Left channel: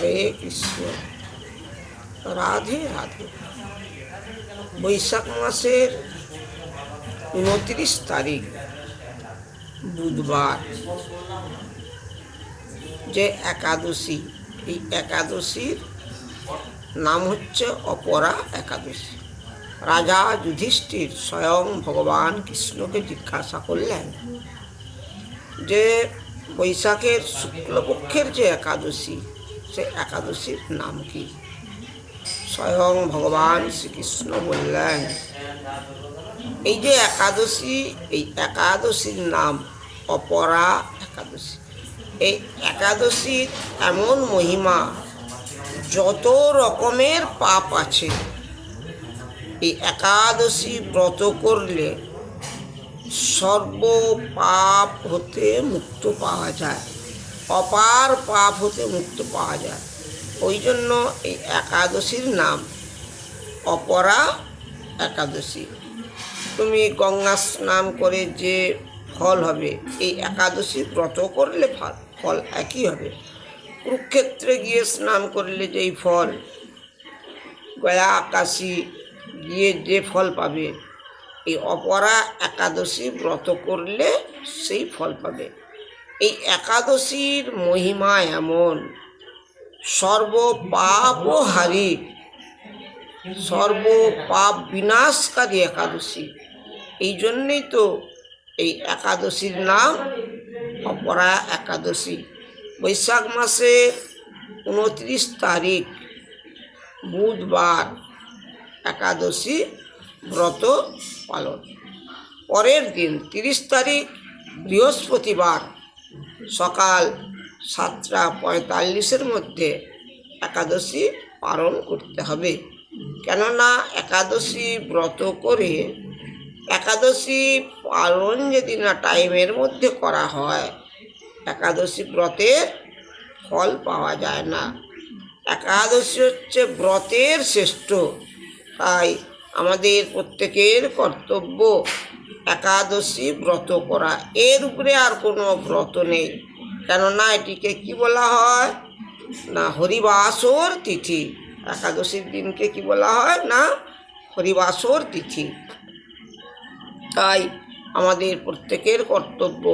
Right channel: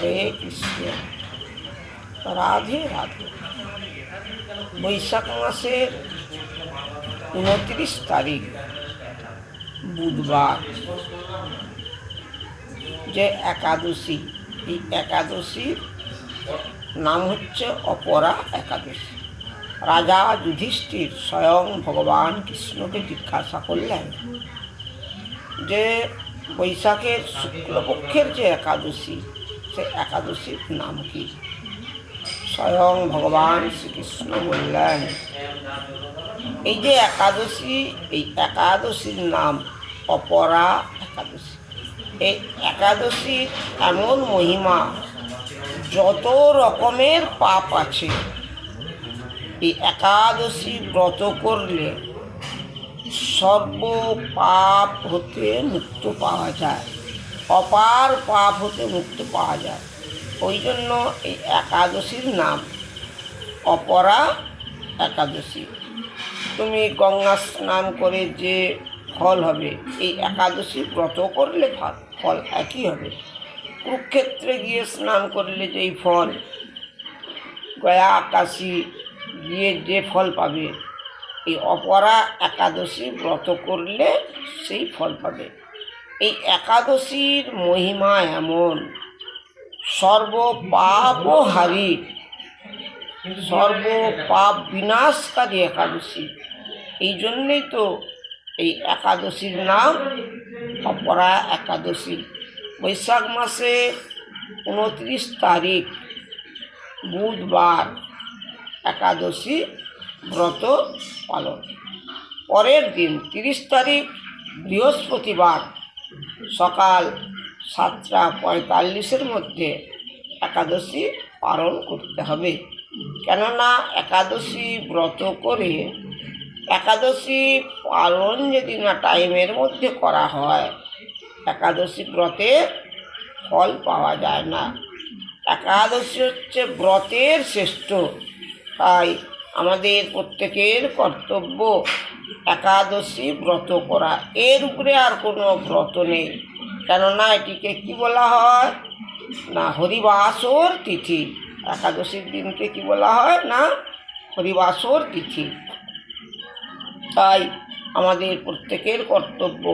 হরে কৃষ্ণ, রাধে রাধে। বৈশাখ মাসের 29 তারিখ বুধবার যে একাদশী, এই একাদশীর নাম হচ্ছে অপরা একাদশী। রাজা যুধিষ্ঠির স্বয়ং ভগবান কৃষ্ণকে জিজ্ঞাসা করলেন যে বৈশাখের শুক্লপক্ষের যে একাদশী, সে একাদশীর নাম কি? স্বয়ং ভগবান শ্রীকৃষ্ণ বললেন, এই যে একাদশী, এই একাদশীর নাম অপরা একাদশী। এই একাদশীর এমন মহিমা, যত রকমের পাপ আছে এই একাদশী ব্রত করলে সর্ব পাপ হতে মুক্ত পাওয়া যায়, অপার পাপ হতে মুক্ত পাওয়া যায়। ওই জন্য এই একাদশীর নাম অপরা একাদশী। তুমি গঙ্গা স্নান করে যে ফল হবে, এই একাদশী ব্রত করলে ফল একই হবে। কুরুক্ষেত্রে গিয়ে স্নান করলে যেই ফল, গয়া আকাশী গিয়ে যে ফল পাবে, এই অপরা একাদশী ব্রত করলে সেই ফল পাবে। এই একাদশীর মহিমা এমন, সর্ব পাপহারী, সর্ব পাপ বিনাশকারী একাদশী। এই জন্যেই তো এই একাদশীর নাম অপরা একাদশী। বৈশাখ মাসে 29 তারিখ বুধবার একাদশী ব্রত পালন। পরের দিন 30 তারিখ বৃহস্পতিবার সকাল 7:45 মধ্যে একাদশী পালন করতে হবে। কেননা একাদশী ব্রত করে একাদশী পালন যদি না টাইমের মধ্যে করা হয়, একাদশী ব্রতের ফল পাওয়া যায় না। একাদশী হচ্ছে ব্রতের শ্রেষ্ঠ, তাই আমাদের প্রত্যেকের কর্তব্য একাদশী ব্রত করা। এর উপরে আর কোনো ব্রত নেই। কেননা এটিকে কি বলা হয় না, হরিবাসর তিথি। একাদশীর দিনকে কি বলা হয় না, হরিবাসর তিথি। তাই আমাদের প্রত্যেকের কর্তব্য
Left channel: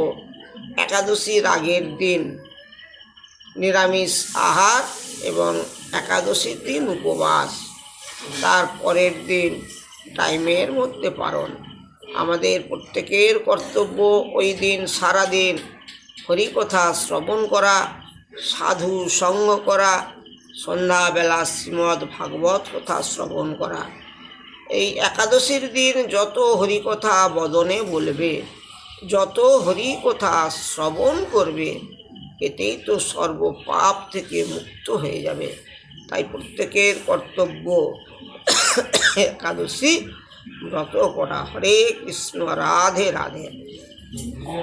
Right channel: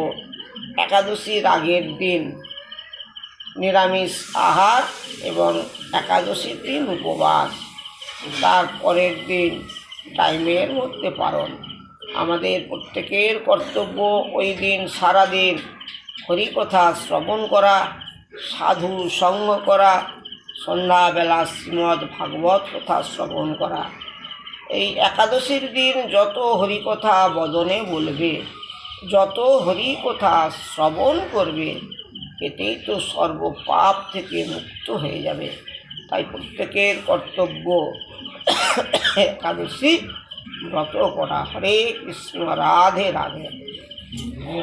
একাদশীর আগের দিন নিরামিষ আহার এবং একাদশীর দিন উপবাস, তারপরের দিন টাইমের মধ্যে পালন। আমাদের প্রত্যেকের কর্তব্য ওই দিন সারাদিন হরিকথা শ্রবণ করা, সাধু সঙ্গ করা, সন্ধ্যাবেলা শ্রীমদ্ ভাগবত কথা শ্রবণ করা। এই একাদশীর দিন যত হরিকথা বদনে বলবে, যত হরিকথা শ্রবণ করবে, এতেই তো সর্ব পাপ থেকে মুক্ত হয়ে যাবে। তাই প্রত্যেকের কর্তব্য একাদশী ব্রত করা। হরে কৃষ্ণ, রাধে রাধে।